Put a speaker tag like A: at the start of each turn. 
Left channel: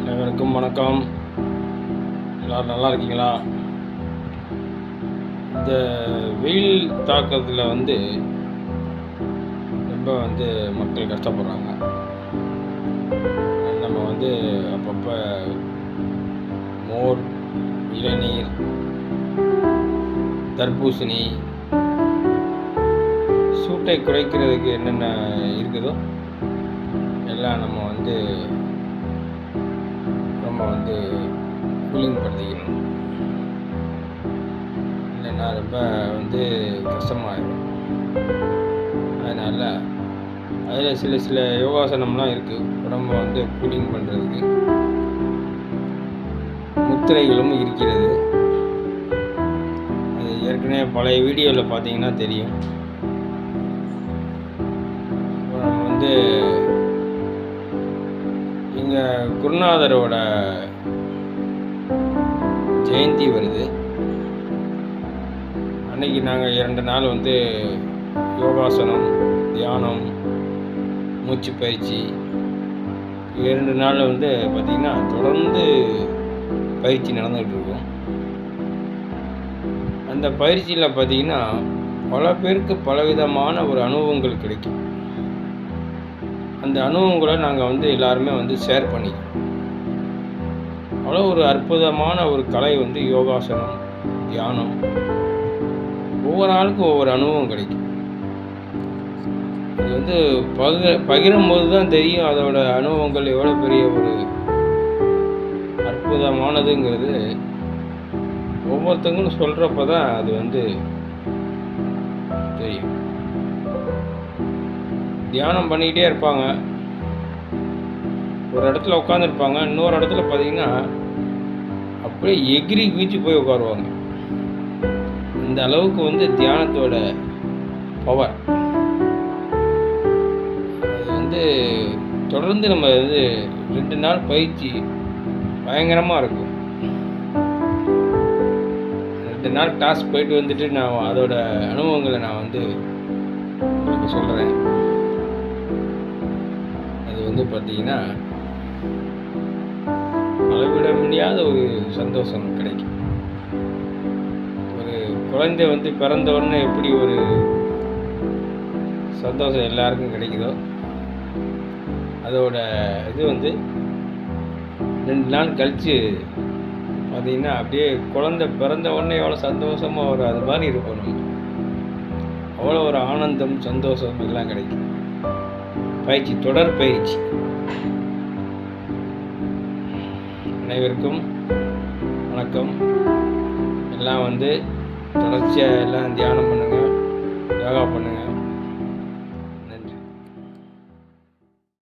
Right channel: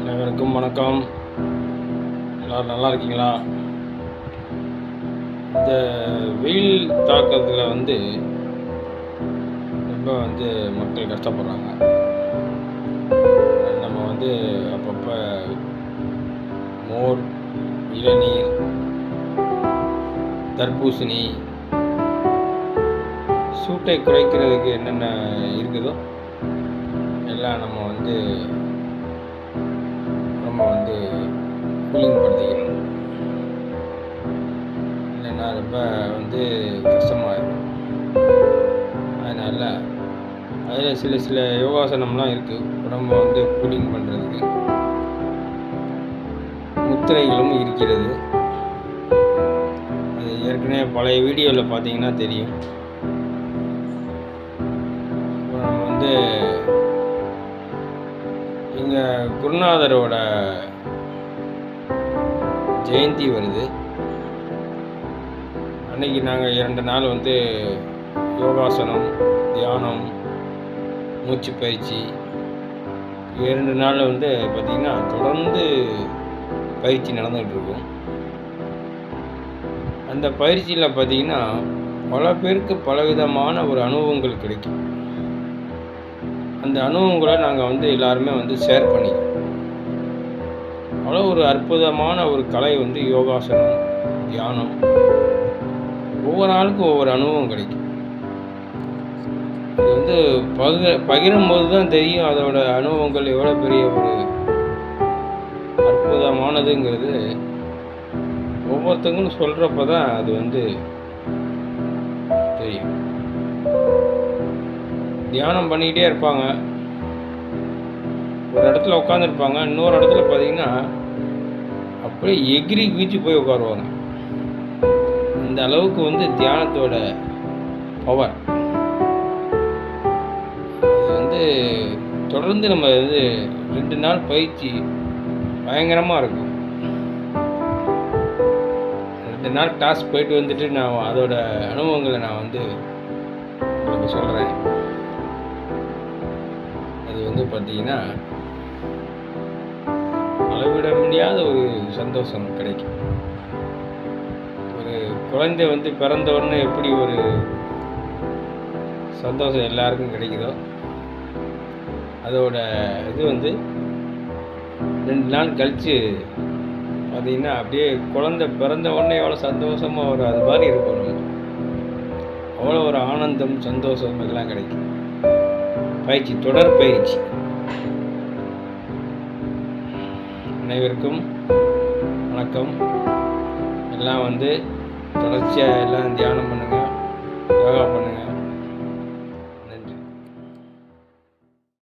A: அனைவருக்கும் வணக்கம். எல்லோரும் நல்லா இருக்கீங்களா? இந்த வெயில் தாக்கத்தில் வந்து ரொம்ப வந்து மக்கள் கஷ்டப்படுறாங்க. நம்ம வந்து அப்பப்போ மோர் இளநீர் தர்பூசணி சூட்டை குறைக்கிறதுக்கு என்னென்ன இருக்குதோ எல்லாம் நம்ம வந்து வந்து கூலிங் படுத்திக்கணும். இல்லைன்னா ரொம்ப வந்து கஷ்டமாயிடும் அதனால் அதில் சில சில யோகாசனம்லாம் இருக்குது உடம்பை வந்து கூலிங் பண்ணுறதுக்கு முத்திரைகளும் இருக்கிறது. அது ஏற்கனவே பழைய வீடியோவில் பார்த்தீங்கன்னா தெரியும். நம்ம வந்து எங்கள் குருநாதரோட ஜெயந்தி வருது. அன்னைக்கு நாங்கள் இரண்டு நாள் வந்து யோகாசனம் தியானம் மூச்சு பயிற்சி. இரண்டு நாள் வந்து பார்த்திங்கன்னா தொடர்ந்து பயிற்சி நடந்துகிட்டு இருக்கும். அந்த பயிற்சியில் பார்த்திங்கன்னா பல பேருக்கு பலவிதமான ஒரு அனுபவங்கள் கிடைக்கும். அந்த அனுபவங்களை நாங்கள் வந்து எல்லாருமே வந்து ஷேர் பண்ணிக்கிறோம் அவ்வளோ ஒரு அற்புதமான ஒரு கலை வந்து யோகாசனம் தியானம். ஒவ்வொரு ஆளுக்கும் ஒவ்வொரு அனுபவம் கிடைக்கும். இது வந்து பகிர பகிரும்போது தான் தெரியும் அதோட அனுபவங்கள் எவ்வளோ பெரிய ஒரு அற்புதமானதுங்கிறது. ஒவ்வொருத்தங்களும் சொல்கிறப்ப தான் அது வந்து தெரியும். தியானம் பண்ணிக்கிட்டே இருப்பாங்க. ஒரு இடத்துல உட்காந்துருப்பாங்க இன்னொரு இடத்துல பார்த்தீங்கன்னா அப்படியே எகிரி குதிச்சு போய் உட்காருவாங்க. இந்த அளவுக்கு வந்து தியானத்தோட பவர் அது வந்து தொடர்ந்து நம்ம வந்து ரெண்டு நாள் பயிற்சி பயங்கரமாக இருக்கும். ரெண்டு நாள் டாஸ்க் போயிட்டு வந்துட்டு நான் அதோட அனுபவங்களை நான் வந்து உங்களுக்கு சொல்கிறேன் அது வந்து பார்த்தீங்கன்னா அளவிட முடியாத ஒரு சந்தோஷம் கிடைக்கும். ஒரு குழந்தை வந்து பிறந்த உடனே எப்படி ஒரு சந்தோஷம் எல்லாருக்கும் கிடைக்குதோ அதோட இது வந்து ரெண்டு நாள் கழித்து பார்த்திங்கன்னா அப்படியே குழந்தை பிறந்த உடனே எவ்வளோ சந்தோஷமாக ஒரு அது மாதிரி இருக்கும் நம்ம அவ்வளோ ஒரு ஆனந்தம் சந்தோஷம் எல்லாம் கிடைக்கும். பயிற்சி தொடர் பயிற்சி. அனைவருக்கும் வணக்கம். எல்லாம் வந்து தொடர்ச்சியாக எல்லாம் தியானம் பண்ணுங்கள் யோகா பண்ணுங்கள்